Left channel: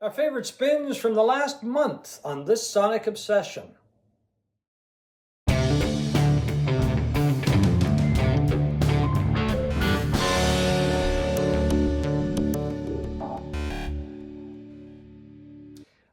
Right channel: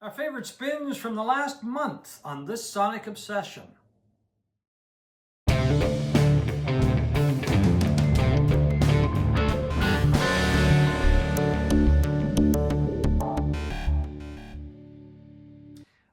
Our favorite spins from the last month on this Sonic Obsession.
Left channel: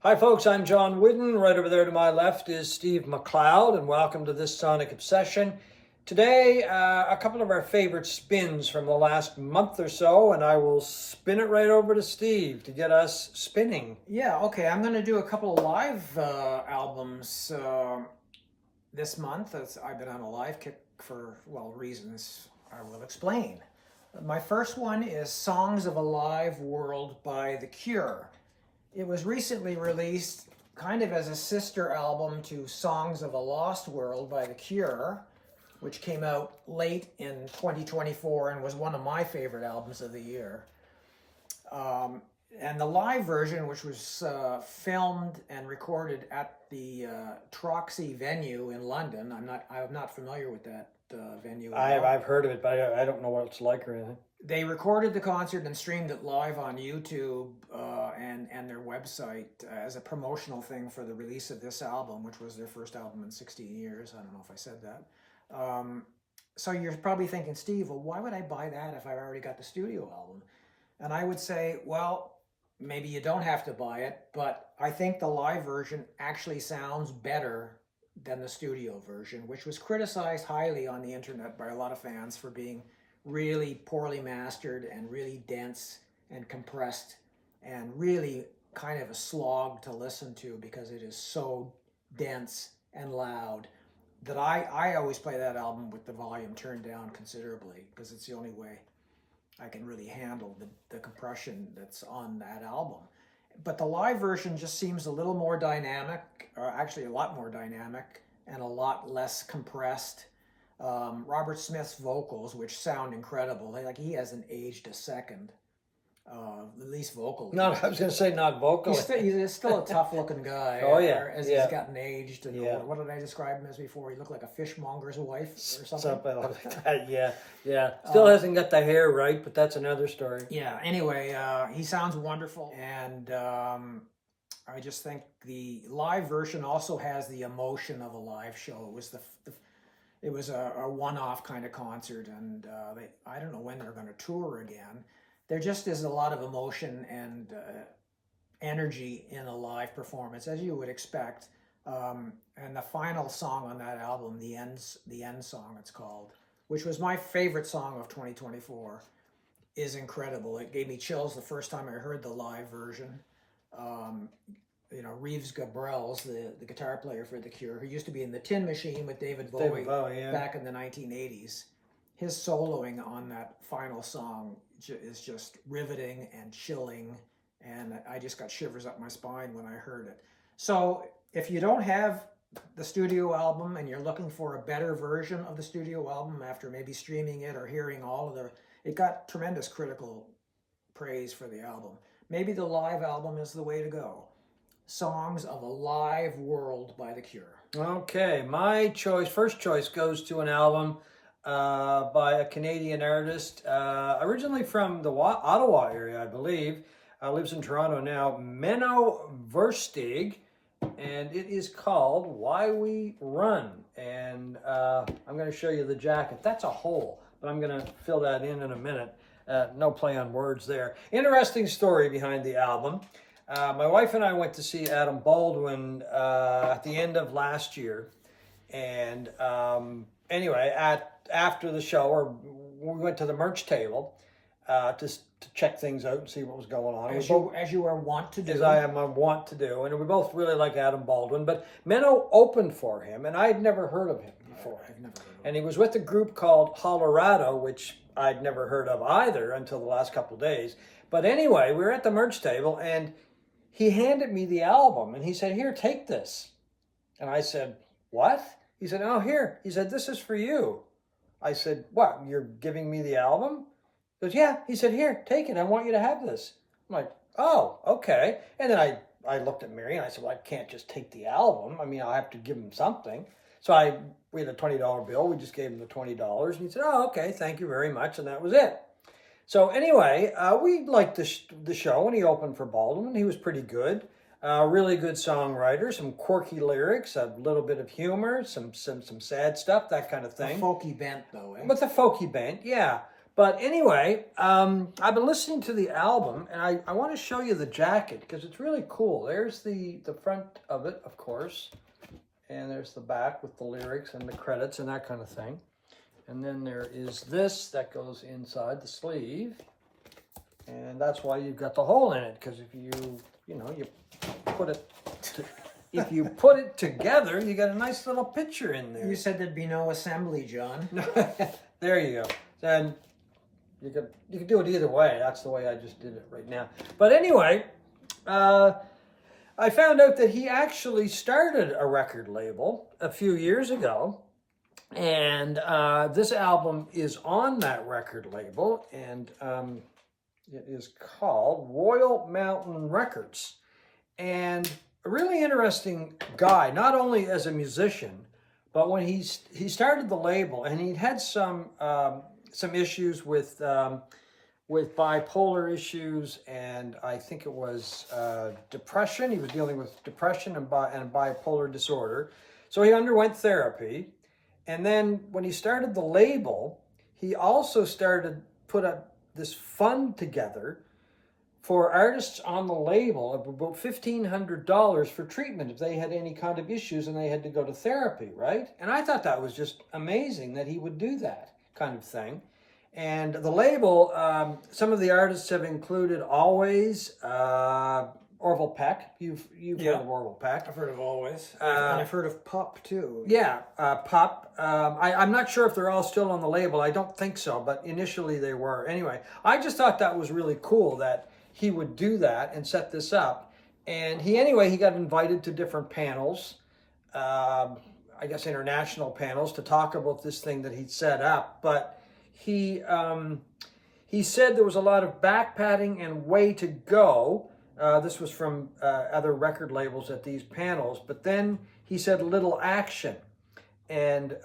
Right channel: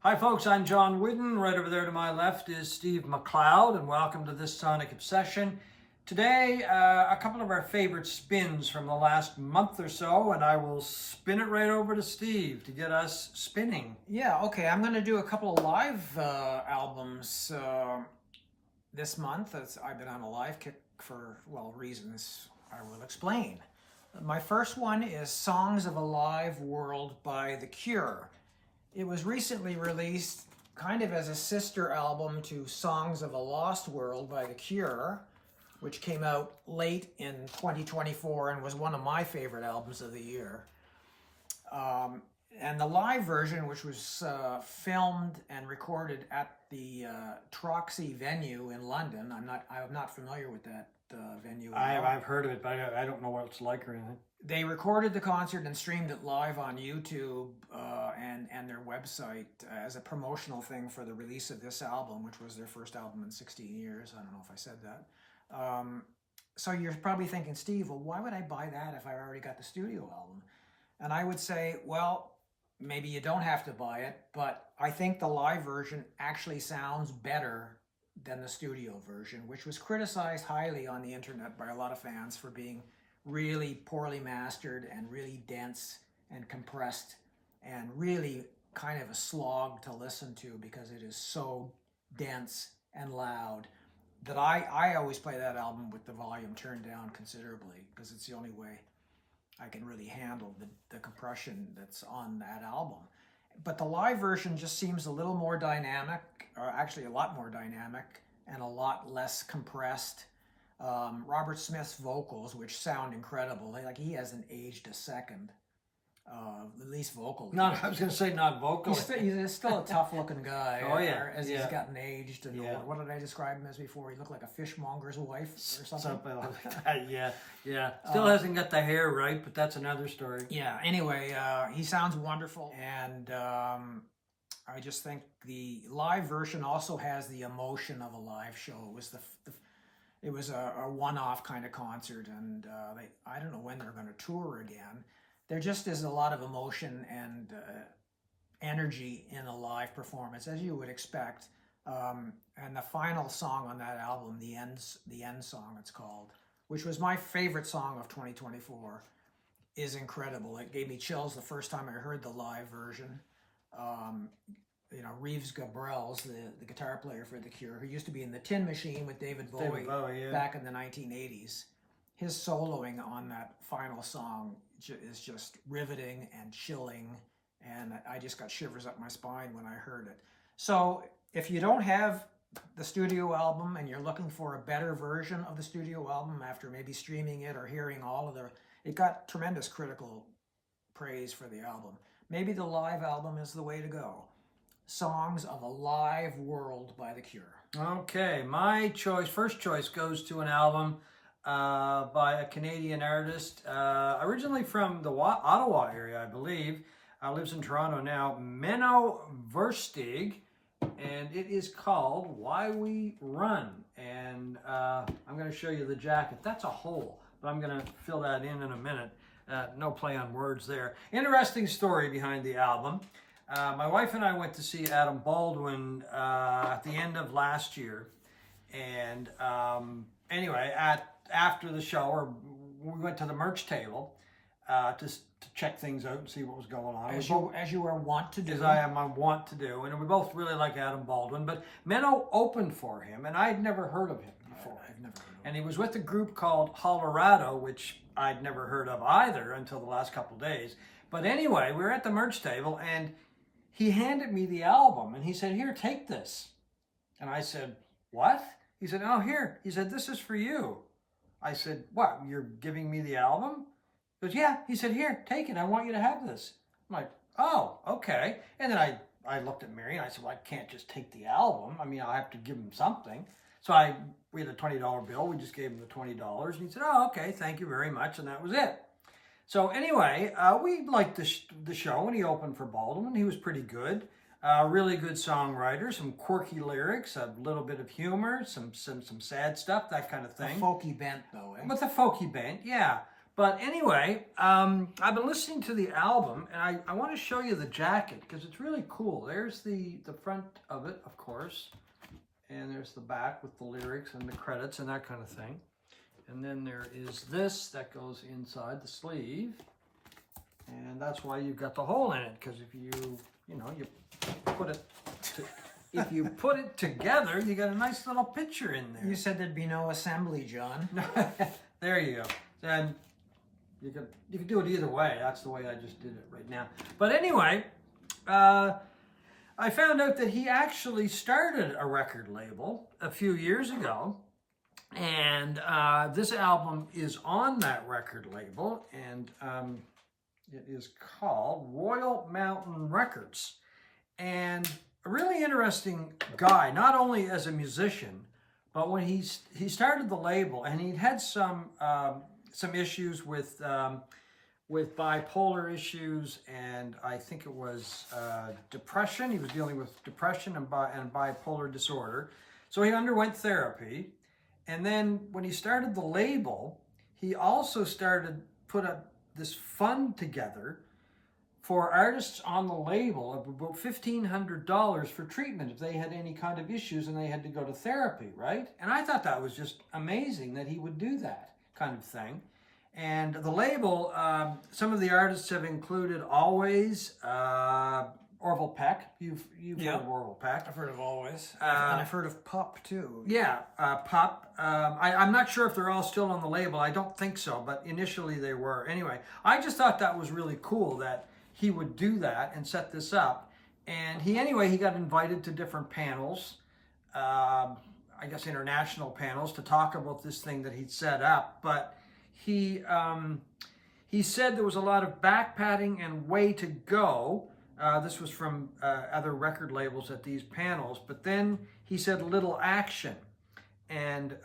Hi folks, I'm John Whidden. Right over there to my left is Steve McLeod, and welcome to this Sonic Obsession. Today, a couple of our favorite spins from the last month or so, and I will spin it right over to Steve to get us spinning. Yeah, okay. I'm going to do a couple of live albums this month. I've been on a live kick for, well, reasons I will explain. My first one is Songs of a Live World by The Cure. It was recently released kind of as a sister album to Songs of a Lost World by The Cure, which came out late in 2024 and was one of my favorite albums of the year. And the live version, which was filmed and recorded at the Troxy venue in London. I'm not familiar with that venue at all. I've heard of it, but I don't know what it's like or anything. They recorded the concert and streamed it live on YouTube and their website as a promotional thing for the release of this album, which was their first album in 16 years. I don't know if I said that. So you're probably thinking, Steve, well, why would I buy that if I already got the studio album? And I would say, well, maybe you don't have to buy it, but I think the live version actually sounds better than the studio version, which was criticized highly on the internet by a lot of fans for being really poorly mastered and really dense and compressed and really kind of a slog to listen to because it is so dense and loud that I always play that album with the volume turned down considerably because it's the only way I can really handle the compression that's on that album. But the live version just seems a little more dynamic, or actually a lot more dynamic and a lot less compressed. Robert Smith's vocals, which sound incredible, like he hasn't aged a second, at least vocally. No, I was going to say not vocally. He's still a tough-looking guy. Oh, yeah. As Yeah. he's gotten aged and Yeah. older. What did I describe him as before? He looked like a fishmonger's wife or something. Something like that, yeah. Still hasn't got the hair right, but that's another story. Yeah, anyway, he sounds wonderful, and I just think the live version also has the emotion of a live show. It was a one-off kind of concert, and I don't know when they're going to tour again. There just is a lot of emotion and energy in a live performance, as you would expect. And the final song on that album, the end song, it's called, which was my favorite song of 2024, is incredible. It gave me chills the first time I heard the live version. Reeves Gabrels, the guitar player for The Cure, who used to be in the Tin Machine with David Bowie back in the 1980s. His soloing on that final song is just riveting and chilling, and I just got shivers up my spine when I heard it. So if you don't have the studio album and you're looking for a better version of the studio album after maybe streaming it or hearing it got tremendous critical praise for the album. Maybe the live album is the way to go. Songs of a Live World by The Cure. Okay, my first choice goes to an album by a Canadian artist, originally from the Ottawa area, I believe. Lives in Toronto now, Menno Versteeg, and it is called Why We Run. And I'm going to show you the jacket. That's a hole, but I'm going to fill that in a minute. No play on words there. Interesting story behind the album. My wife and I went to see Adam Baldwin at the end of last year. And anyway, after the show, we went to the merch table to check things out and see what was going on. As you are wont to do. As I am wont to do. And we both really like Adam Baldwin. But Menno opened for him, and I'd never heard of him before. I've never heard of him. And he was with a group called Hollerado, which I'd never heard of either until the last couple of days. But anyway, we were at the merch table, and he handed me the album, and he said, "Here, take this." And I said, "What?" He said, "Oh, here." He said, "This is for you." I said, "What, you're giving me the album?" He goes, "Yeah." He said, "Here, take it. I want you to have this." I'm like, "Oh, okay." And then I looked at Mary, and I said, "Well, I can't just take the album. I mean, I'll have to give him something." So we had a $20 bill. We just gave him the $20. And he said, "Oh, okay, thank you very much." And that was it. So anyway, we liked the show, and he opened for Baldwin. He was pretty good. Really good songwriter, some quirky lyrics, a little bit of humor, some sad stuff, that kind of A thing. folky bent, though, eh? With a folky bent, yeah. But anyway, I've been listening to the album, and I want to show you the jacket because it's really cool. There's the front of it, of course, and there's the back with the lyrics and the credits and that kind of thing. And then there is this that goes inside the sleeve, and that's why you've got the hole in it. Because if you put it, if you put it together, you got a nice little picture in there. You said there'd be no assembly, John. There you go. Then you could do it either way. That's the way I just did it right now. But anyway, I found out that he actually started a record label a few years ago. And this album is on that record label, and it is called Royal Mountain Records. And a really interesting guy, not only as a musician, but when he started the label, and he had some issues with bipolar issues, and I think it was depression. He was dealing with depression and bipolar disorder, so he underwent therapy. And then when he started the label, he also put this fund together for artists on the label of about $1,500 for treatment if they had any kind of issues and they had to go to therapy, right? And I thought that was just amazing that he would do that kind of thing. And the label, some of the artists have included Always, Orville Peck. You've heard of Orville Peck. I've heard of Always. And I've heard of Pup, too. Yeah, Pup. I'm not sure if they're all still on the label. I don't think so, but initially they were. Anyway, I just thought that was really cool that he would do that and set this up. And he got invited to different panels, I guess international panels, to talk about this thing that he'd set up. But he said there was a lot of back patting and way to go. This was from other record labels at these panels, but then he said little action. And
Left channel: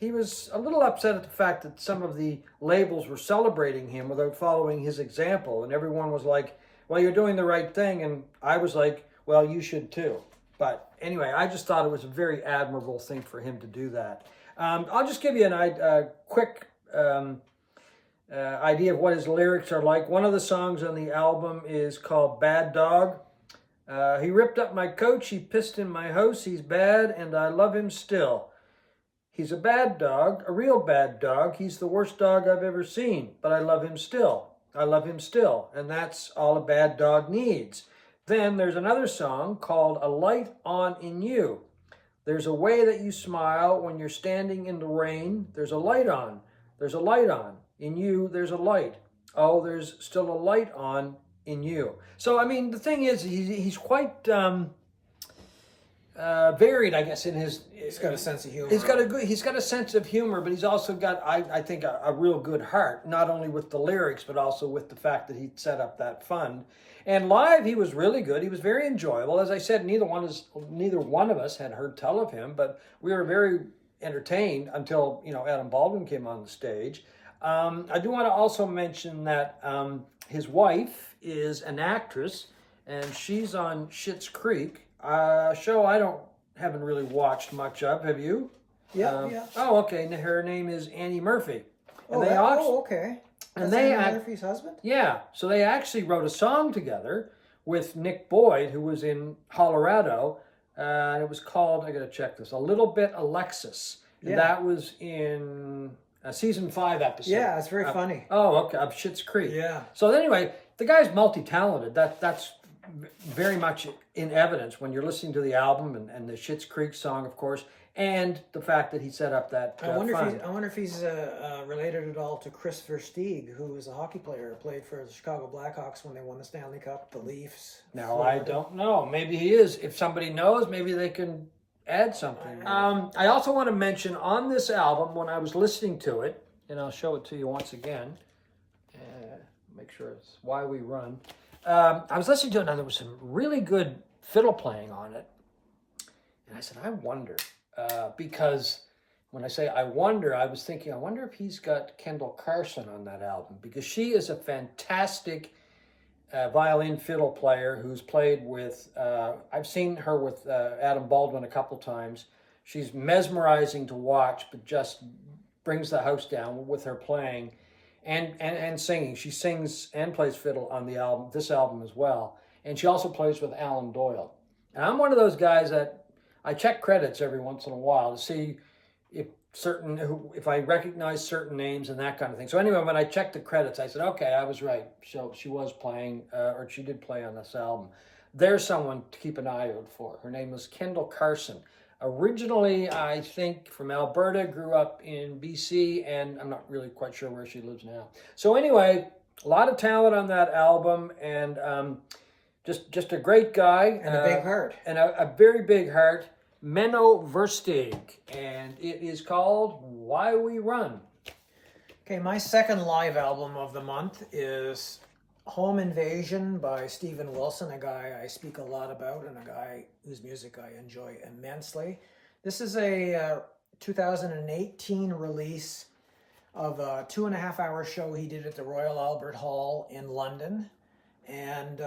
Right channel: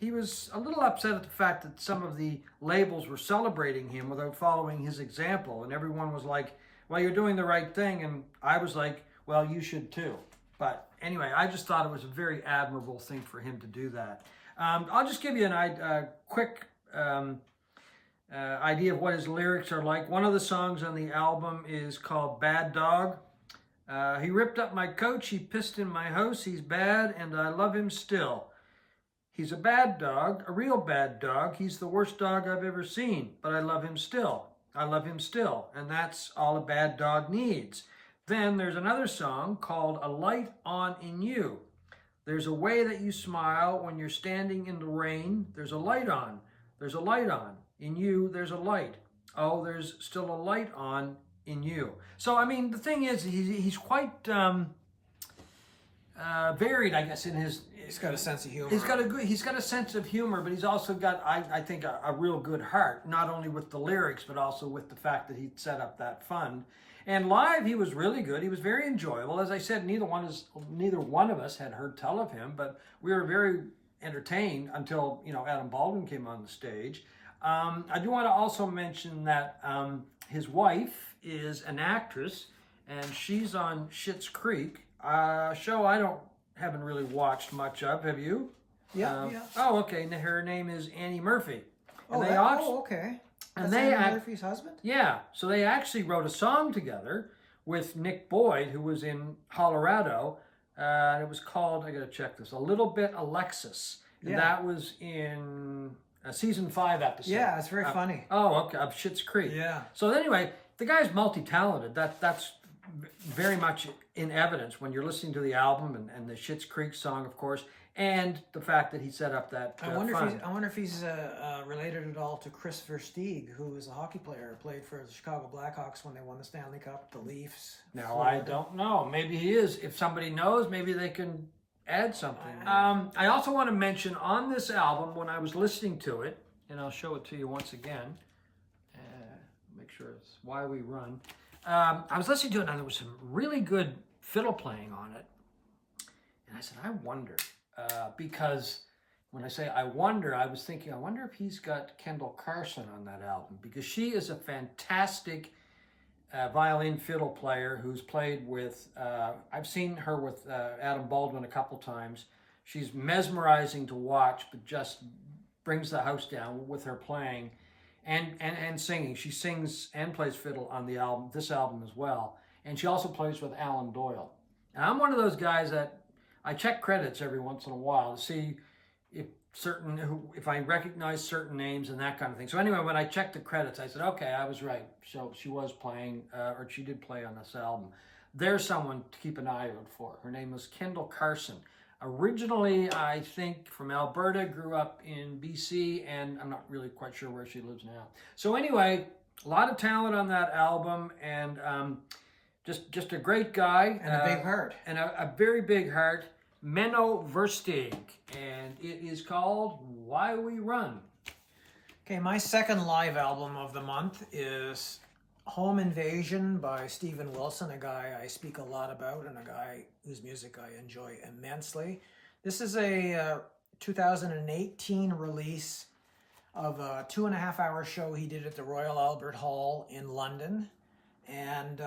he was a little upset at the fact that some of the labels were celebrating him without following his example. And everyone was like, well, you're doing the right thing. And I was like, well, you should too. But anyway, I just thought it was a very admirable thing for him to do that. I'll just give you a quick idea of what his lyrics are like. One of the songs on the album is called Bad Dog. He ripped up my coach, he pissed in my house, he's bad and I love him still. He's a bad dog, a real bad dog. He's the worst dog I've ever seen, but I love him still. I love him still, and that's all a bad dog needs. Then there's another song called A Light On In You. There's a way that you smile when you're standing in the rain. There's a light on. There's a light on. In you, there's a light. Oh, there's still a light on in you. So, I mean, the thing is, he's quite varied, I guess, in his... He's got a sense of humor. He's got a sense of humor, but he's also got, I think, a real good heart, not only with the lyrics, but also with the fact that he set up that fund. And live, he was really good. He was very enjoyable. As I said, neither one of us had heard tell of him, but we were very entertained until, Adam Baldwin came on the stage. I do want to also mention that his wife is an actress, and she's on Schitt's Creek, a show I haven't really watched much of. Have you? Yeah. Oh, okay. And her name is Annie Murphy. And okay. And That's Annie Murphy's husband? Yeah. So they actually wrote a song together with Nick Boyd, who was in Colorado. And it was called, I got to check this, A Little Bit Alexis. And that was in a season 5 episode. Yeah, it's very funny. Oh, okay. Of Schitt's Creek. Yeah. So anyway, the guy's multi-talented. That's very much in evidence when you're listening to the album and the Schitt's Creek song, of course, and the fact that he set up that I wonder if he's related at all to Chris Versteeg, who was a hockey player, played for the Chicago Blackhawks when they won the Stanley Cup, the Leafs. Now, Florida. I don't know. Maybe he is. If somebody knows, maybe they can add something. I also want to mention on this album, when I was listening to it, and I'll show it to you once again, make sure it's Why We Run. I was listening to it, and there was some really good fiddle playing on it. And I said, I wonder, because when I say I wonder, I was thinking, I wonder if he's got Kendall Carson on that album, because she is a fantastic violin fiddle player who's played with, I've seen her with Adam Baldwin a couple times. She's mesmerizing to watch, but just brings the house down with her playing and singing. She sings and plays fiddle on the album, this album as well. And she also plays with Alan Doyle. And I'm one of those guys that I check credits every once in a while to see if I recognize certain names and that kind of thing. So anyway, when I checked the credits, I said, okay, I was right. So she was playing, or she did play on this album. There's someone to keep an eye out for. Her name was Kendall Carson. Originally, I think, from Alberta, grew up in BC, and I'm not really quite sure where she lives now. So anyway, a lot of talent on that album, and just a great guy. And a big heart. And a very big heart. Menno Versteeg, and it is called Why We Run. Okay, my second live album of the month is Home Invasion by Steven Wilson, a guy I speak a lot about and a guy whose music I enjoy immensely. This is a 2018 release of a 2.5-hour show he did at the Royal Albert Hall in London, and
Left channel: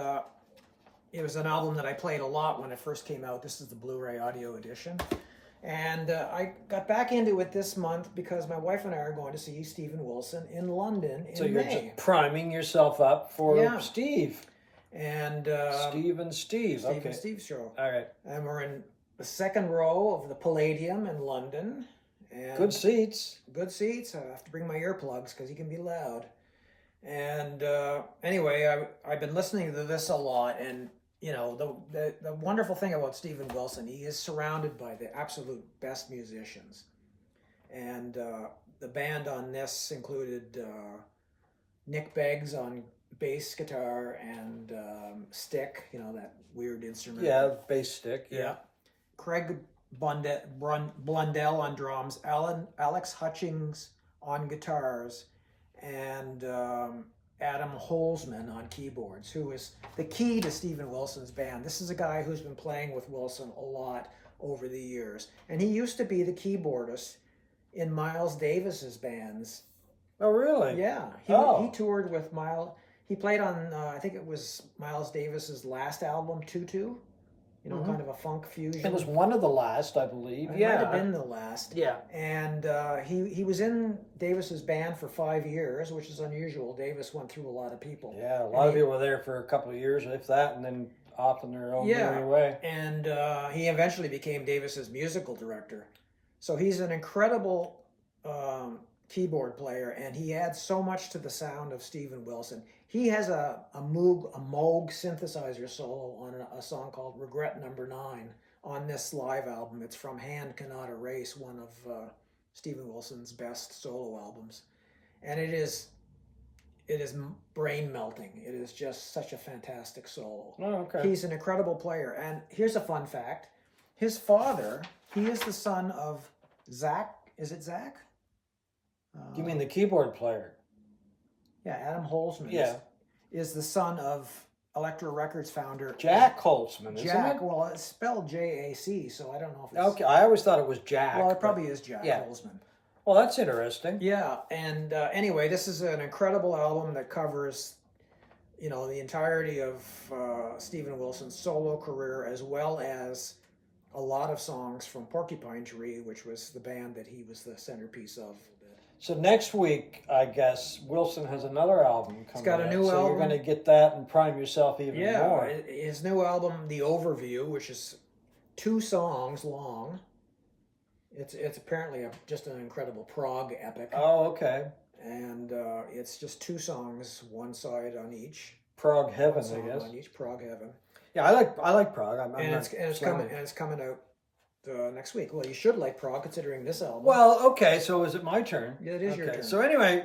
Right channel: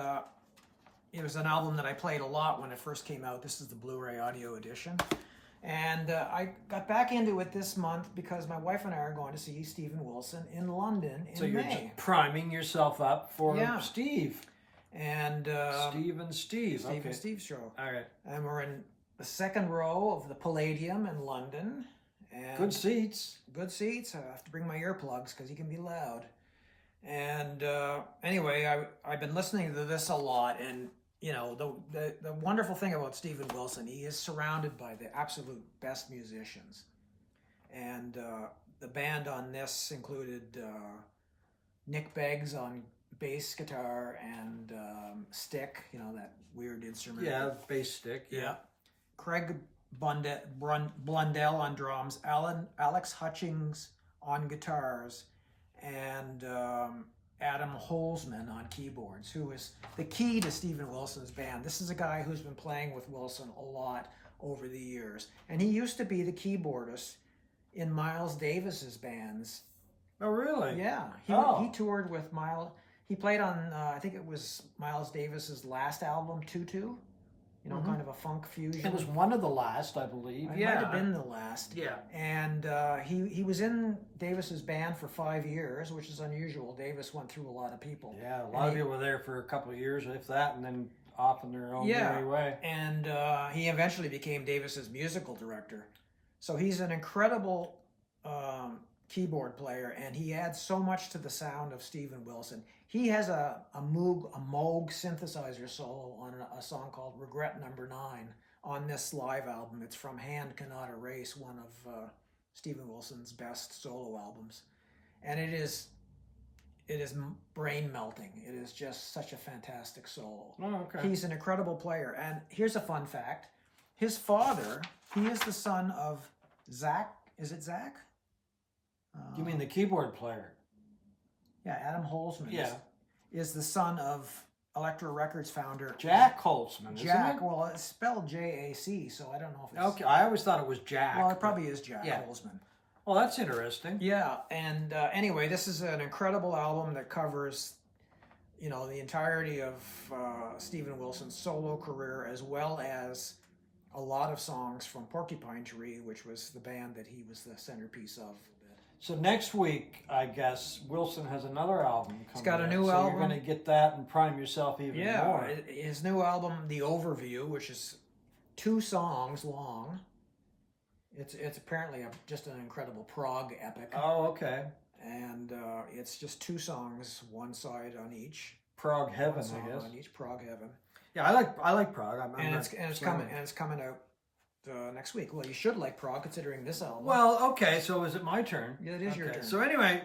it was an album that I played a lot when it first came out. This is the Blu-ray audio edition. And I got back into it this month because my wife and I are going to see Steven Wilson in London in So you're May. just priming yourself up for Steve. And Steve and Steve. Steve Okay. and Steve show. All right. And we're in the second row of the Palladium in London. And Good seats. Good seats. I have to bring my earplugs because he can be loud. And anyway, I've been listening to this a lot, and you know, the wonderful thing about Steven Wilson, he is surrounded by the absolute best musicians. And the band on this included Nick Beggs on bass guitar and stick, you know, that weird instrument. Yeah, bass stick. Yeah. Craig Blundell on drums, Alex Hutchings on guitars, and Adam Holzman on keyboards, who is the key to Steven Wilson's band. This is a guy who's been playing with Wilson a lot over the years. And he used to be the keyboardist in Miles Davis's bands. Oh, really? Yeah. He toured with Miles. He played on, I think it was Miles Davis's last album, Tutu. You know, kind of a funk fusion. It was one of the last, I believe. It Yeah. might have been the last. Yeah. And he was in Davis's band for 5 years, which is unusual. Davis went through a lot of people. Yeah, a lot of people were there for a couple of years, if that, and then off on their own merry way. And he eventually became Davis's musical director. So he's an incredible keyboard player, and he adds so much to the sound of Steven Wilson. He has a Moog synthesizer solo on a song called Regret Number 9 on this live album. It's from Hand Cannot Erase, one of Steven Wilson's best solo albums. And it is brain melting. It is just such a fantastic solo. Oh, okay. He's an incredible player. And here's a fun fact. His father, he is the son of Zach. Is it Zach? You mean the keyboard player? Yeah, Adam Holzman is the son of Elektra Records founder Jack Holzman, isn't it? Well, it's spelled J-A-C, so I don't know if it's... Okay, I always thought it was Jack. Well, it probably is Jack Holzman. Well, that's interesting. Yeah, and anyway, this is an incredible album that covers, you know, the entirety of Steven Wilson's solo career, as well as a lot of songs from Porcupine Tree, which was the band that he was the centerpiece of. So next week, I guess, Wilson has another album coming out. He's got a new album. So you're going to get that and prime yourself even more. Yeah, his new album, The Overview, which is 2 songs long. It's apparently just an incredible prog epic. Oh, okay. And it's just 2 songs, one side on each. Prog Heaven, I guess. On each, Prog Heaven. Yeah, I like prog. It's coming out next week. Well, you should like prog considering this album. Well, okay. So is it my turn? Yeah, it is your turn. So anyway,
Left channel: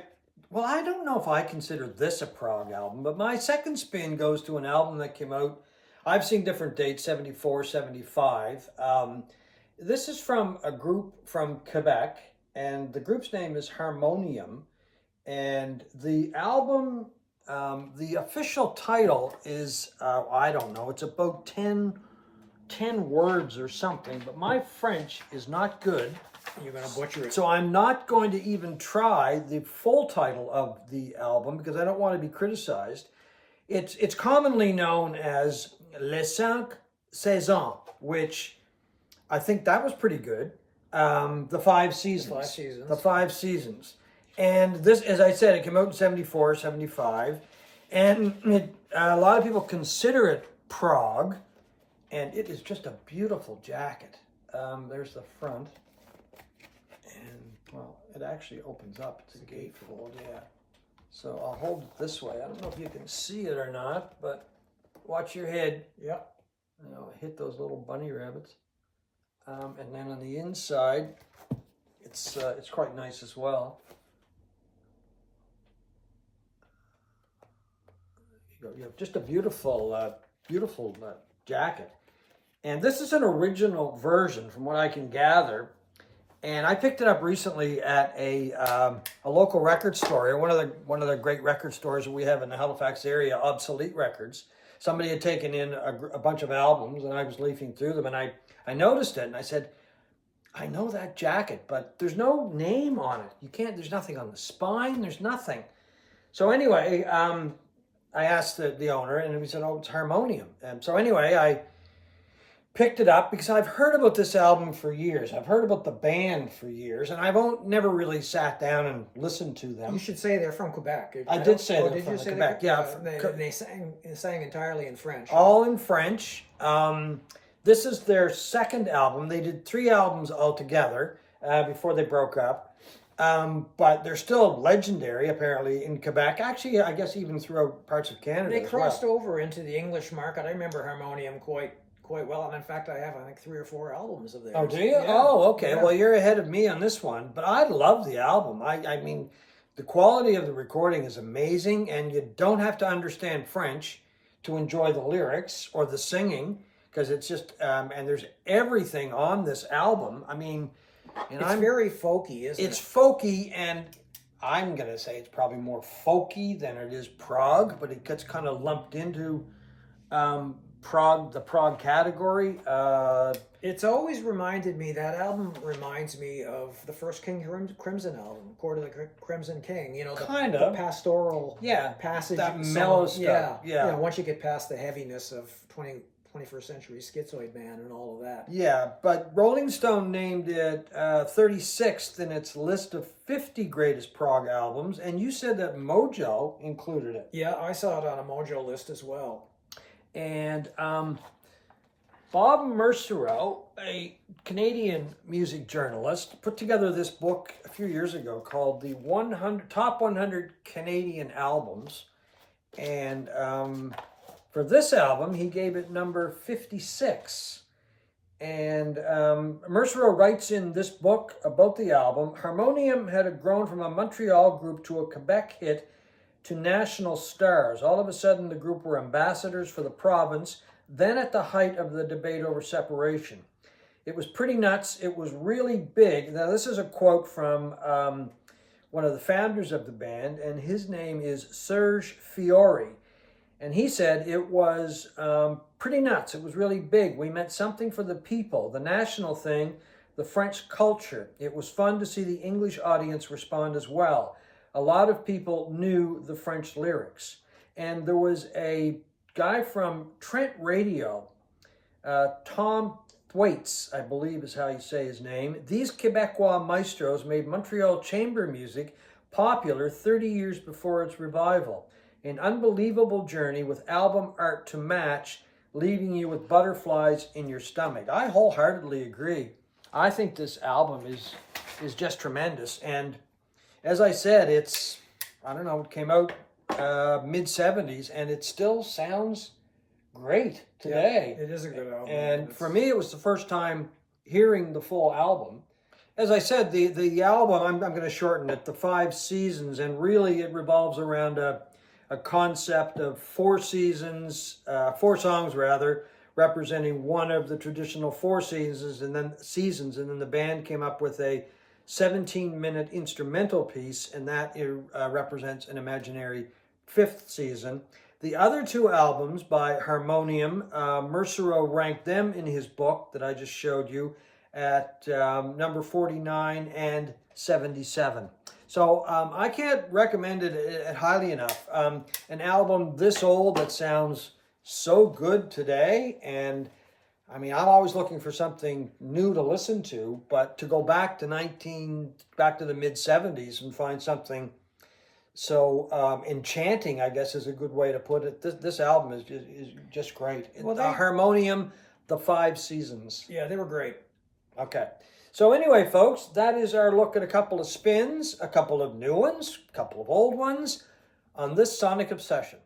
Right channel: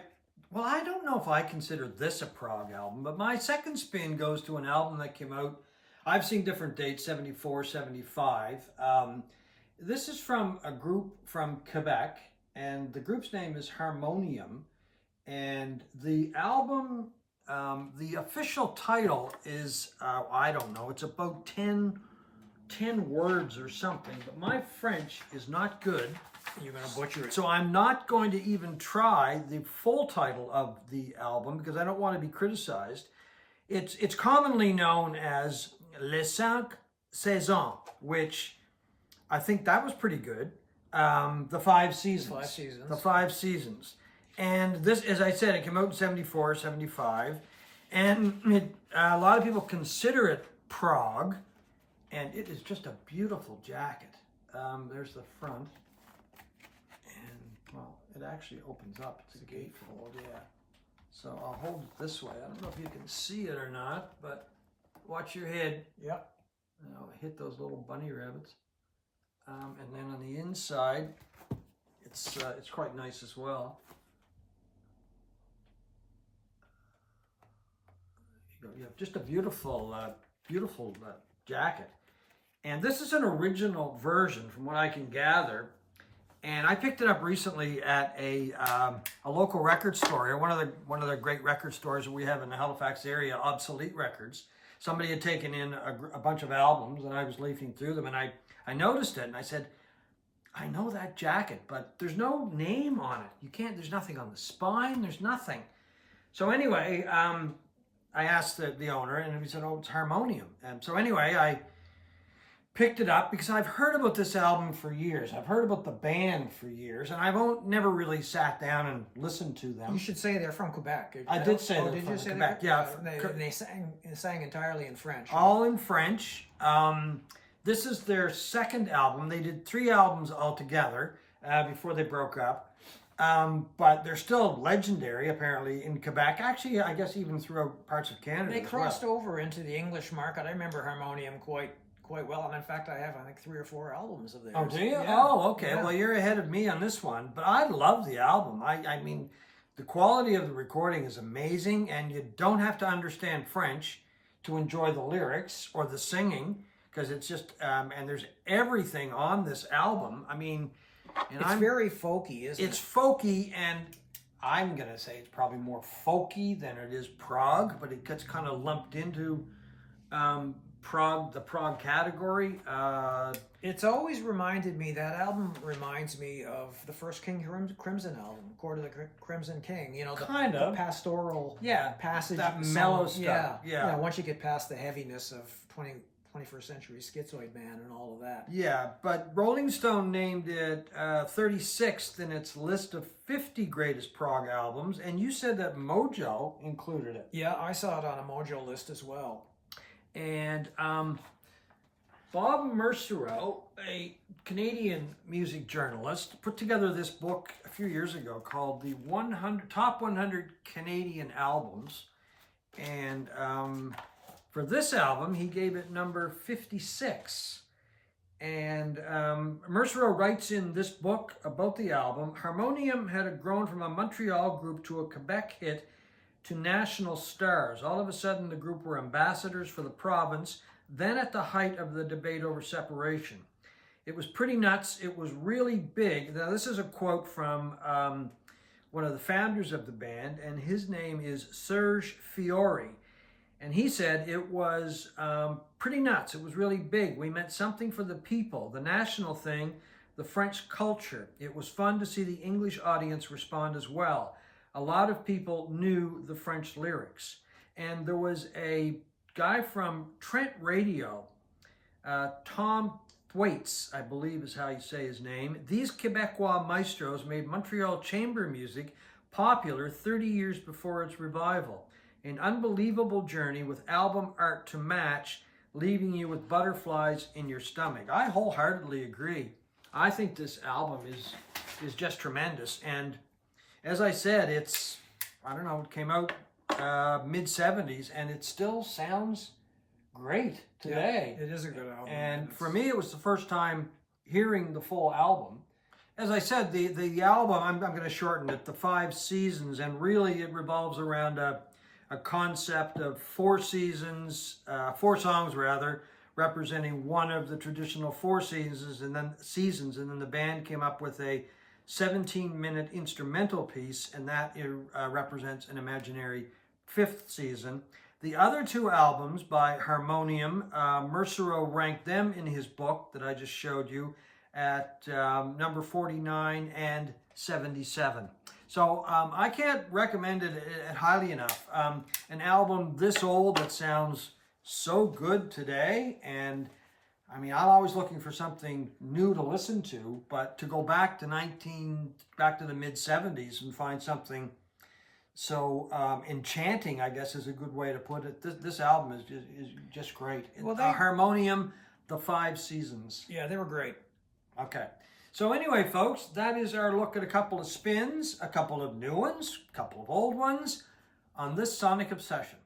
well, I don't know if I consider this a prog album, but my second spin goes to an album that came out. I've seen different dates, 74, 75. This is from a group from Quebec, and the group's name is Harmonium. And the album, the official title is, I don't know, it's about 10 words or something, but my French is not good. You're going to butcher it. So I'm not going to even try the full title of the album because I don't want to be criticized. It's commonly known as Les Cinq Saisons, which I think that was pretty good. The Five Seasons. The 5 seasons. The 5 Seasons. And this, as I said, it came out in 74, 75. And a lot of people consider it prog. And it is just a beautiful jacket. There's the front. And, well, it actually opens up. It's a gatefold, yeah. So I'll hold it this way. I don't know if you can see it or not, but watch your head. Yep. You know, hit those little bunny rabbits. And then on the inside, it's quite nice as well. You have just a beautiful, beautiful jacket. And this is an original version, from what I can gather. And I picked it up recently at a local record store, one of the great record stores that we have in the Halifax area, Obsolete Records. Somebody had taken in a bunch of albums, and I was leafing through them, and I noticed it, and I said, I know that jacket, but there's no name on it. You can't. There's nothing on the spine. There's nothing. So anyway, I asked the owner, and he said, "Oh, it's Harmonium." And so anyway, I picked it up because I've heard about this album for years. I've heard about the band for years, and I've never really sat down and listened to them. You should say they're from Quebec. I did say they're did from you say Quebec. that? Yeah, they sang entirely in French. all in French. This is their second album. They did 3 albums altogether before they broke up. But they're still legendary, apparently, in Quebec. Actually, I guess even throughout parts of Canada. They as crossed well. over into the English market. I remember Harmonium quite well, and in fact, I have 3 or 4 albums of theirs. Oh, do you? Yeah. Oh, okay. Yeah. Well, you're ahead of me on this one. But I love the album. I mean, the quality of the recording is amazing, and you don't have to understand French to enjoy the lyrics or the singing, because it's just, and there's everything on this album. I mean, and It's very folky, isn't it's it? folky, and I'm going to say it's probably more folky than it is prog, but it gets kind of lumped into the prog category. It's always reminded me, that album reminds me of the first King Crimson album, Court of the Crimson King. You know, Kind the of. pastoral Yeah, passage. that song. mellow stuff. Yeah. You know, once you get past the heaviness of 21st century Schizoid Man and all of that. Yeah, but Rolling Stone named it 36th in its list of 50 greatest prog albums, and you said that Mojo included it. Yeah, I saw it on a Mojo list as well. And Bob Mercereau, a Canadian music journalist, put together this book a few years ago called the Top 100 Canadian Albums. And for this album, he gave it number 56. And Mercereau writes in this book about the album, Harmonium had grown from a Montreal group to a Quebec hit to national stars. All of a sudden, the group were ambassadors for the province, then at the height of the debate over separation. It was pretty nuts. It was really big. Now, this is a quote from one of the founders of the band, and his name is Serge Fiori. And he said it was pretty nuts. It was really big. We meant something for the people, the national thing, the French culture. It was fun to see the English audience respond as well. A lot of people knew the French lyrics. And there was a guy from Trent Radio, Tom Thwaites, I believe is how you say his name. These Quebecois maestros made Montreal chamber music popular 30 years before its revival. An unbelievable journey with album art to match, leaving you with butterflies in your stomach. I wholeheartedly agree. I think this album is just tremendous. And as I said, it came out mid-70s, and it still sounds great today. Yeah, it is a good album. And for me, it was the first time hearing the full album. As I said, the album, I'm going to shorten it, the 5 Seasons, and really it revolves around a concept of 4 seasons, 4 songs rather, representing one of the traditional 4 seasons, and then the band came up with a 17-minute instrumental piece, and that represents an imaginary 5th season. The other 2 albums by Harmonium, Mercereau ranked them in his book that I just showed you at number 49 and 77. So I can't recommend it highly enough. An album this old that sounds so good today, and I mean, I'm always looking for something new to listen to, but to go back to the mid 70s and find something so enchanting, I guess is a good way to put it. This album is just great. Well, Harmonium, The Five Seasons. Yeah, they were great. Okay. So anyway, folks, that is our look at a couple of spins, a couple of new ones, a couple of old ones on this Sonic Obsession.